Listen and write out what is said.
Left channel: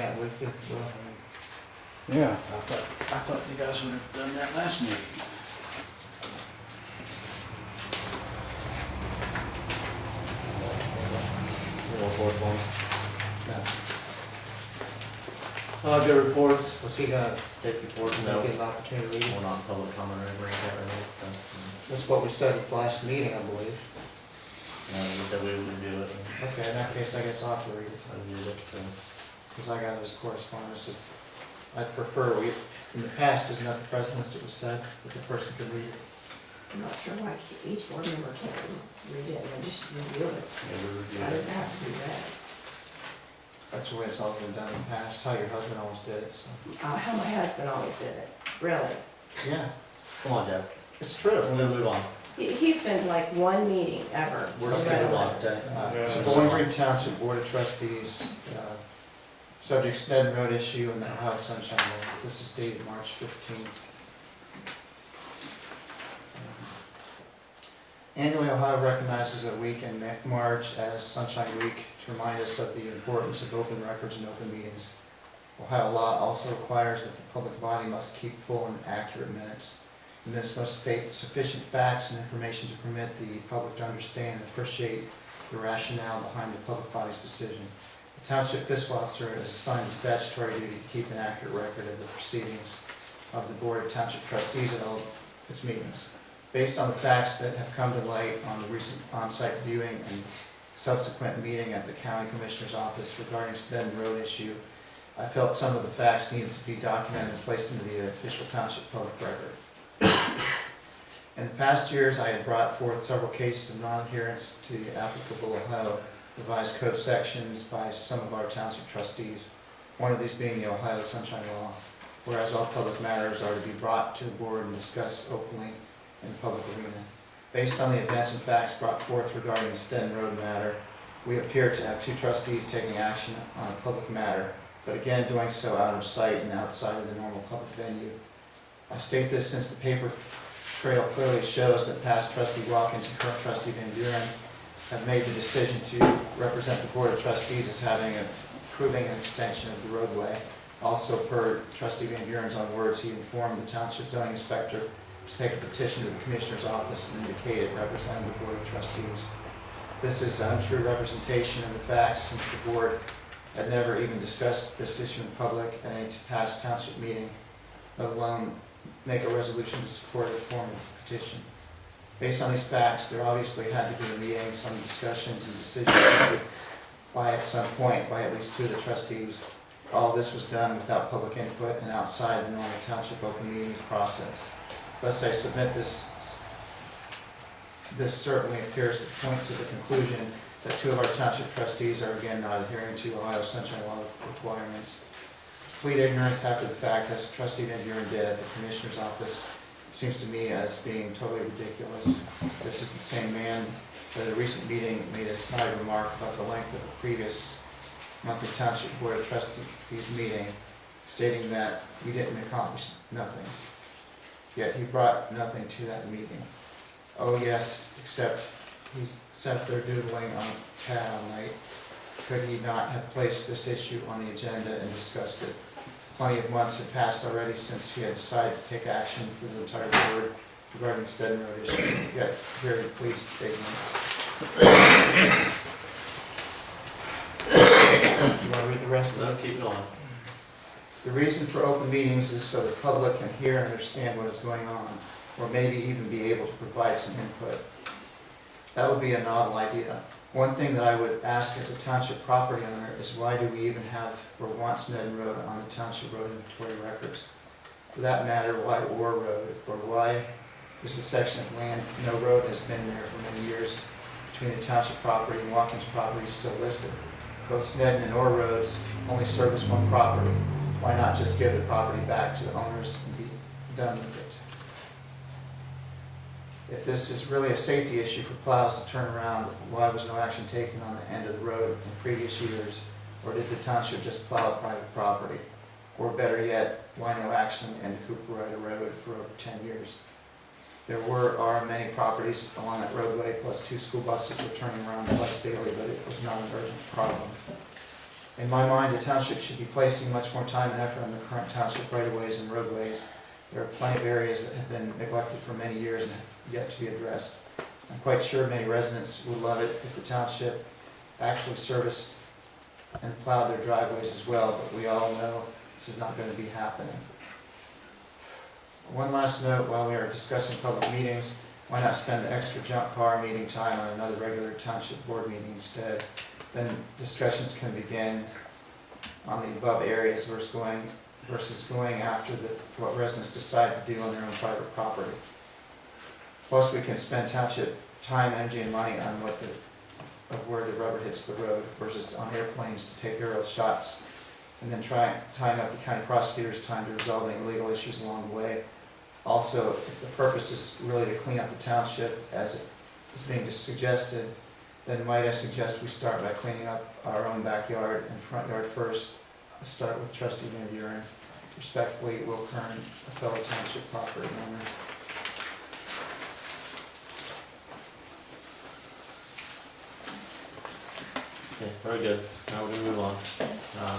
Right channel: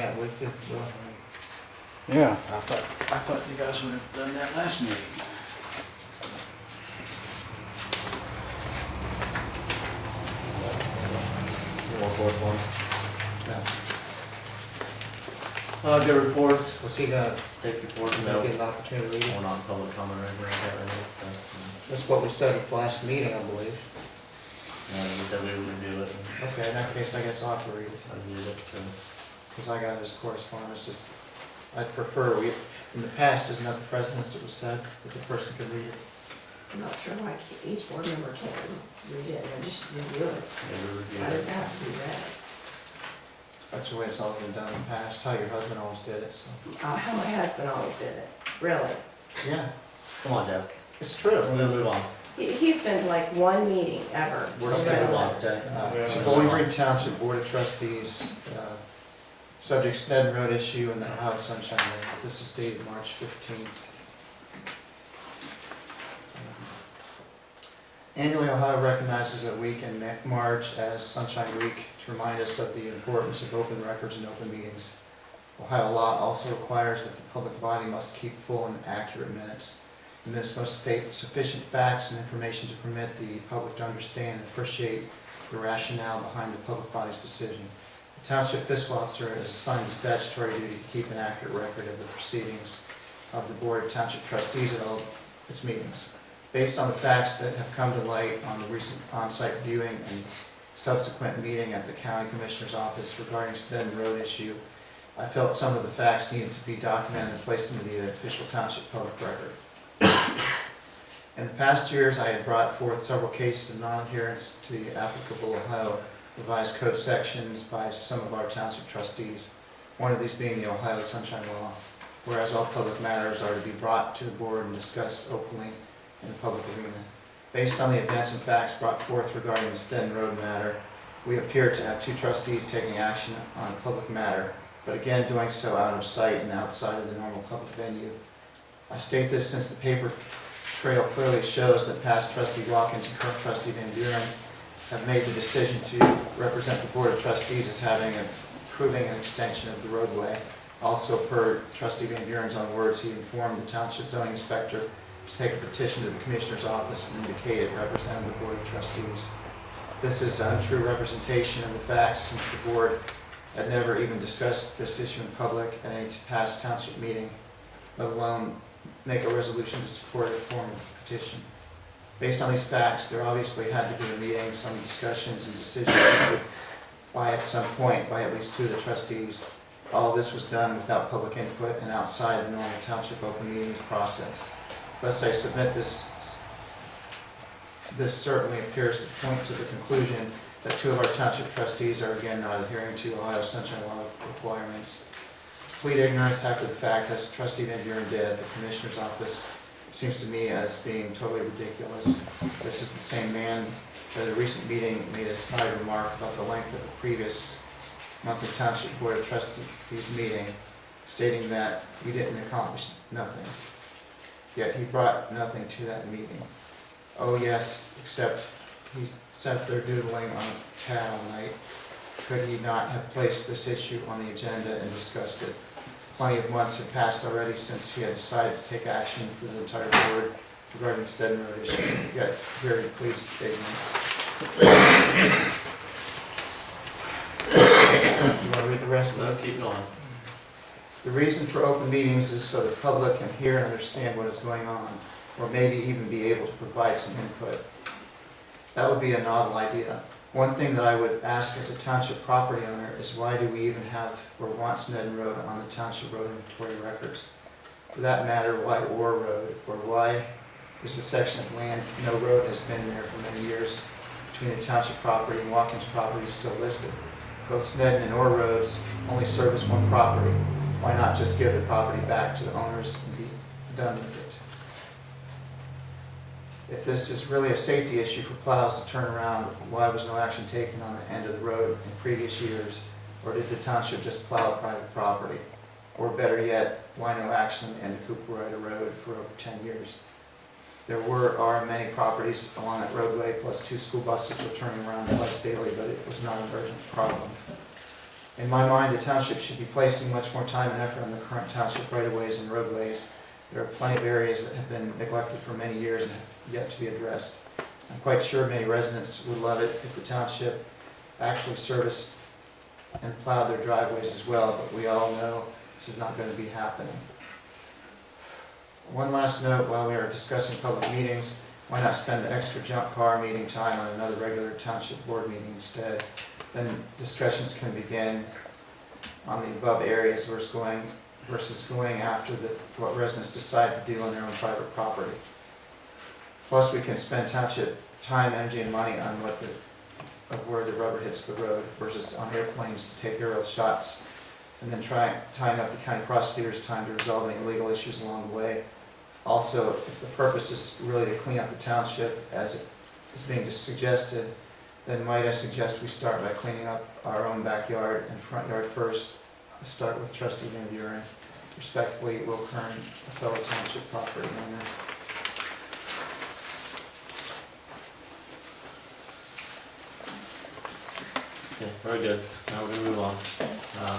bring it with you? Will? Yeah. I thought you guys would have done that last meeting. More correspondence. No. Good reports. Was he gonna Safety reports, get no. an opportunity to read it? We're not in public comment or anything like that right now. That's what we said at the last meeting, I believe. We said we would review it. Okay, in that case, I guess I'll have to read it, I reviewed it, so. because I got it as correspondence. I'd prefer, in the past, isn't that the precedence that was said, that the person could read it? I'm not sure why each board member can't read it, and just review it. Yeah, we reviewed Why does it. it have to be read? That's the way it's always been done in the past, how your husband always did it, so. How my husband always did it, really. Yeah, Come on, Jeff. it's true. We're gonna move on. He's been like one meeting ever. We're just Read gonna a move on, letter. okay? It's a Bowling Green Township Board of Trustees, subject Snedden Road issue and the Ohio Sunshine Law. This is dated March 15th. Annually, Ohio recognizes a week in March as Sunshine Week to remind us of the importance of open records and open meetings. Ohio law also requires that the public body must keep full and accurate minutes. The minutes must state sufficient facts and information to permit the public to understand and appreciate the rationale behind the public body's decision. The Township Fiscal Officer is assigned the statutory duty to keep an accurate record of the proceedings of the Board of Township Trustees at all its meetings. Based on the facts that have come to light on the recent on-site viewing and subsequent meeting at the County Commissioner's Office regarding Snedden Road issue, I felt some of the facts needed to be documented and placed into the official township public record. In the past years, I had brought forth several cases of non-adherence to the applicable Ohio revised code sections by some of our township trustees, one of these being the Ohio Sunshine Law, whereas all public matters are to be brought to the board and discussed openly in the public arena. Based on the events and facts brought forth regarding the Snedden Road matter, we appear to have two trustees taking action on a public matter, but again doing so out of sight and outside of the normal public venue. I state this since the paper trail clearly shows that past trustee Watkins and current trustee Van Buren have made the decision to represent the Board of Trustees as approving an extension of the roadway. Also, per trustee Van Buren's own words, he informed the township zoning inspector to take a petition to the Commissioner's Office and indicate it represented the Board of Trustees. This is untrue representation of the facts, since the board had never even discussed this issue in public at any past township meeting, let alone make a resolution to support a formal petition. Based on these facts, there obviously had to be a meeting, some discussions and decisions by at some point by at least two of the trustees. All this was done without public input and outside the normal township open meeting process. Thus, I submit this certainly appears to point to the conclusion that two of our township trustees are again not adhering to Ohio Sunshine Law requirements. To plead ignorance after the fact, as trustee Van Buren did at the Commissioner's Office, seems to me as being totally ridiculous. This is the same man that at a recent meeting made a snide remark about the length of a previous monthly Township Board of Trustees meeting, stating that we didn't accomplish nothing. Yet he brought nothing to that meeting. Oh yes, except he sat there doodling on a pad all night. Could he not have placed this issue on the agenda and discussed it? Plenty of months had passed already since he had decided to take action for the entire board regarding the Snedden Road issue. Yet here he pleads ignorance. Do you want to read the rest of No, it? keep going. The reason for open meetings is so the public can hear and understand what is going on, or maybe even be able to provide some input. That would be a novel idea. One thing that I would ask as a township property owner is why do we even have or want Snedden Road on the township road inventory records? For that matter, why Orr Road, or why is the section of land no road has been there for many years between the township property and Watkins property still listed? Both Snedden and Orr roads only service one property. Why not just give the property back to the owners and be done with it? If this is really a safety issue for plows to turn around, why was no action taken on the end of the road in previous years? Or did the township just plow private property? Or better yet, why no action on the end of Cooper Road for over 10 years? There are many properties along that roadway, plus 2 school buses were turning around twice daily, but it was not an urgent problem. In my mind, the township should be placing much more time and effort on the current township right-of-ways and roadways. There are plenty of areas that have been neglected for many years and have yet to be addressed. I'm quite sure many residents would love it if the township actually serviced and plowed their driveways as well, but we all know this is not going to be happening. One last note, while we are discussing public meetings, why not spend the extra junk car meeting time on another regular township board meeting instead? Then discussions can begin on the above areas versus going after what residents decide to do on their own private property. Plus, we can spend township time, energy, and money on where the rubber hits the road versus on airplanes to take aerial shots, and then tying up the county prosecutor's time to resolve any legal issues along the way. Also, if the purpose is really to clean up the township, as it is being suggested, then might I suggest we start by cleaning up our own backyard and front yard first. Start with Trustee Van Buren. Respectfully, Will Kern, a fellow township property owner. Okay, very good. Now we're gonna move on.